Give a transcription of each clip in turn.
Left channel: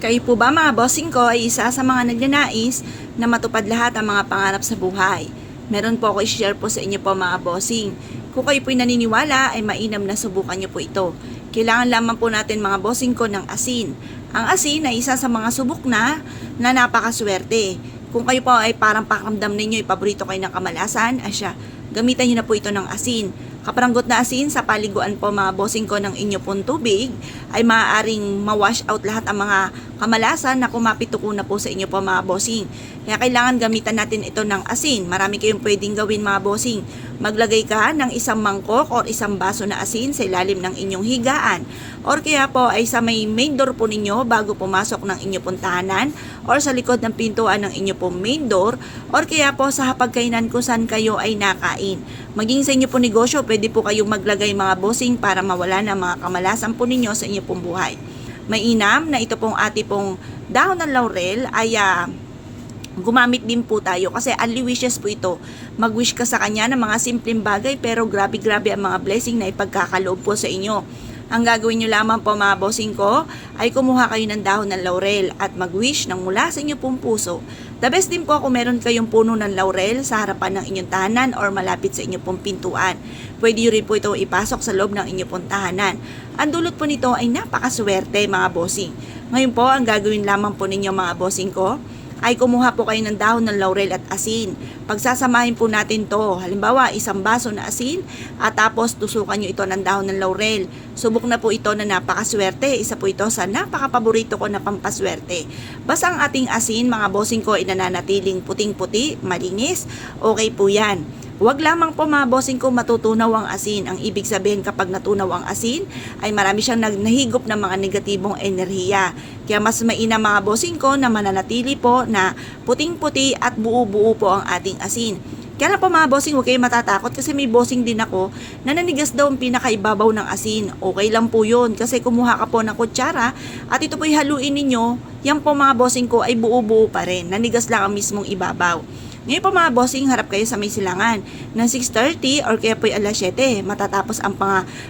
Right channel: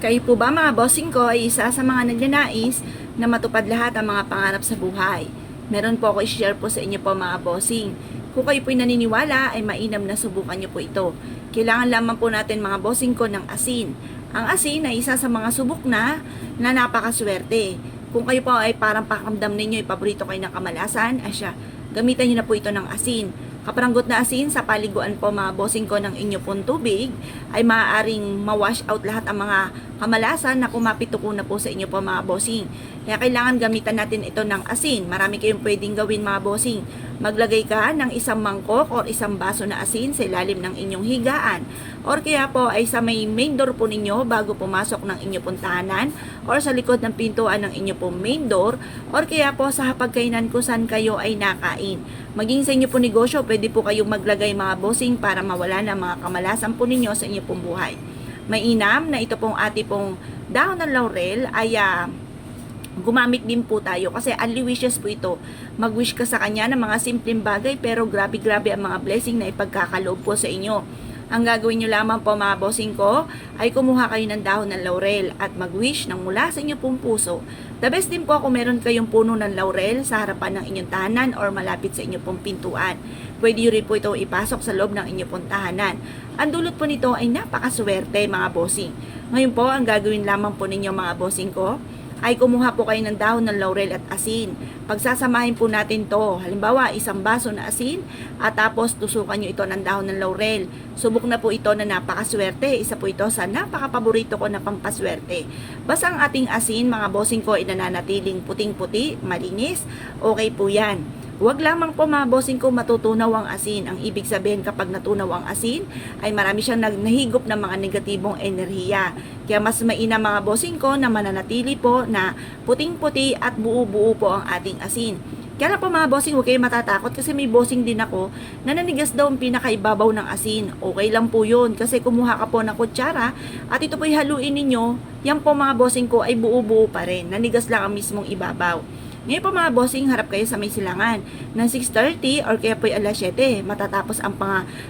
Kayo po ba mga bossing ko ay isa sa mga nagnanais na matupad lahat ang mga pangarap sa buhay? Meron po ako i-share po sa inyo po mga bossing. Kung kayo po'y naniniwala ay mainam na subukan nyo po ito. Kailangan lamang po natin mga bossing ko ng asin. Ang asin ay isa sa mga subok na napakaswerte. Kung kayo po ay parang pakiramdam ninyo, paborito kayo ng kamalasan, asya, gamitan nyo na po ito ng asin. Kaparanggot na asin sa paliguan po mga bossing ko ng inyo pong tubig ay maaaring ma-wash out lahat ang mga kamalasan na kumapituko na po sa inyo po mga bossing. Kaya kailangan gamitan natin ito ng asin. Marami kayong pwedeng gawin mga bossing. Maglagay ka ng isang mangkok o isang baso na asin sa ilalim ng inyong higaan. Or kaya po ay sa may main door po ninyo bago pumasok ng inyo pong tahanan or sa likod ng pintuan ng inyo pong main door or kaya po sa hapagkainan kung saan kayo ay nakain. Maging sa inyo pong negosyo, pwede po kayong maglagay mga bossing para mawala na mga kamalasan po ninyo sa inyo pong buhay. Mainam na ito pong ati pong dahon ng laurel ay gumamit din po tayo kasi only wishes po ito. Mag-wish ka sa kanya ng mga simpleng bagay pero grabe-grabe ang mga blessing na ipagkakaloob po sa inyo. Ang gagawin nyo lamang po mga bossing ko ay kumuha kayo ng dahon ng laurel at mag-wish ng mula sa inyo pong puso. The best din po kung meron kayong puno ng laurel sa harapan ng inyong tahanan or malapit sa inyong pong pintuan. Pwede nyo rin po ito ipasok sa loob ng inyong pong tahanan. Ang dulot po nito ay napakaswerte mga bossing. Ngayon po ang gagawin lamang po ninyo mga bossing ko ay kumuha po kayo ng dahon ng laurel at asin. Pagsasamahin po natin to, halimbawa isang baso na asin at tapos tusukan nyo ito ng dahon ng laurel. Subok na po ito na napakaswerte. Isa po ito sa napakapaborito ko na pampaswerte. Basta ang ating asin mga bossing ko ay nananatiling puting-puti, malinis, okay po yan. Huwag lamang po mga bossing ko matutunaw ang asin. Ang ibig sabihin kapag natunaw ang asin ay marami siyang nahigop ng mga negatibong enerhiya. Kaya mas mainam mga bossing ko na mananatili po na puting-puti at buo-buo po ang ating asin. Kaya na po mga bossing, huwag kayo matatakot kasi may bossing din ako na nanigas daw ang pinakaibabaw ng asin. Okay lang po yun kasi kumuha ka po ng kutsara at ito po'y haluin ninyo. Yan po mga bossing ko ay buo-buo pa rin. Nanigas lang ang mismong ibabaw. Ngayon po mga bossing, harap kayo sa may silangan ng 6:30 or kaya po alas 7. Matatapos ang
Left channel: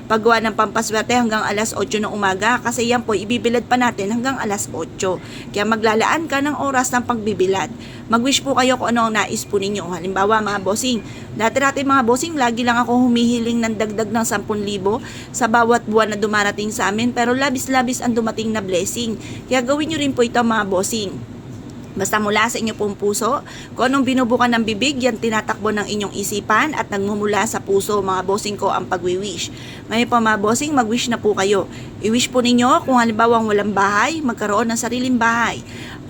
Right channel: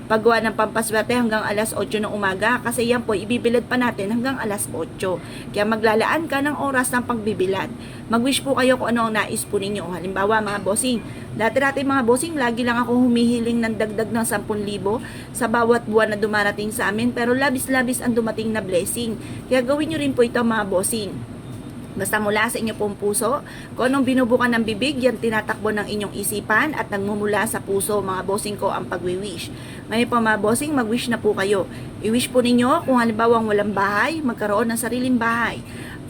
paggawa ng pampaswerte hanggang alas 8 ng umaga kasi yan po ibibilad pa natin hanggang alas 8. Kaya maglalaan ka ng oras ng pagbibilad. Mag-wish po kayo kung ano ang nais po ninyo. Halimbawa mga bossing, dati mga bossing, lagi lang ako humihiling ng dagdag ng 10,000 sa bawat buwan na dumarating sa amin pero labis-labis ang dumating na blessing. Kaya gawin nyo rin po ito mga bossing. Basta mula sa inyo pong puso, kung anong binubukan ng bibig, yan tinatakbo ng inyong isipan at nagmumula sa puso mga bossing ko ang pagwi-wish. Ngayon po mga bossing, mag-wish na po kayo. I-wish po ninyo kung halimbawa walang bahay, magkaroon ng sariling bahay.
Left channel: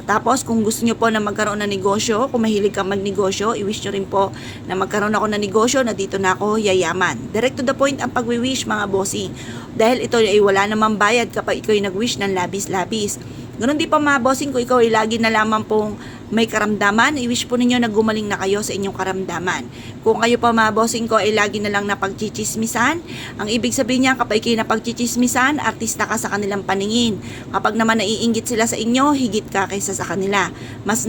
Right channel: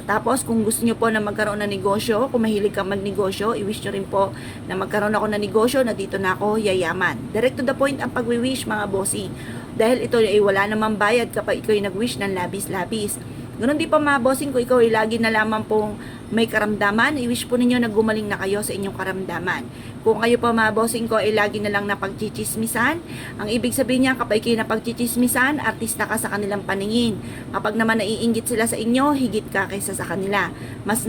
Tapos kung gusto nyo po na magkaroon ng negosyo, kung mahilig kang magnegosyo, i-wish nyo rin po na magkaroon ako ng negosyo na dito na ako yayaman. Direct to the point ang pagwi-wish mga bossing. Dahil ito ay wala namang bayad kapag ikaw ay nag-wish ng labis-labis. Ganun din pa mga bossing ko, ikaw ay lagi na lamang pong may karamdaman, i-wish po ninyo na gumaling na kayo sa inyong karamdaman. Kung kayo pa mga bossing ko ay lagi na lang napagchichismisan, ang ibig sabihin niya kapag kayo napagchichismisan, artista ka sa kanilang paningin. Kapag naman naiinggit sila sa inyo, higit ka kaysa sa kanila. Mas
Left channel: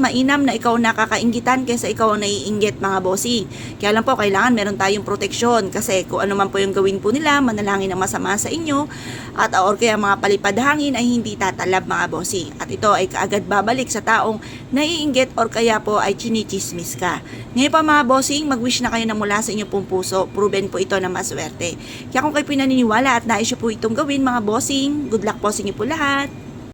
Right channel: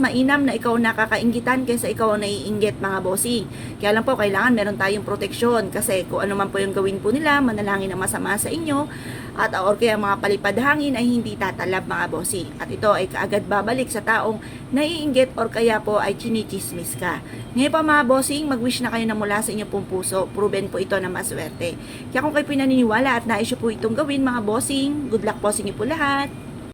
mainam na ikaw nakakainggitan kaysa ikaw ang naiinggit mga bossing. Kaya lang po, kailangan meron tayong proteksyon kasi kung ano man po yung gawin po nila, manalangin ang masama sa inyo at or kaya mga palipad hangin ay hindi tatalab mga bossing. At ito ay kaagad babalik sa taong naiinggit or kaya po ay chinichismis ka. Ngayon pa mga bossing, mag-wish na kayo na mula sa inyo pong puso. Proven po ito na maswerte. Kaya kung kayo pinaniniwala at nais nyo po itong gawin mga bossing, good luck po sa inyo po lahat.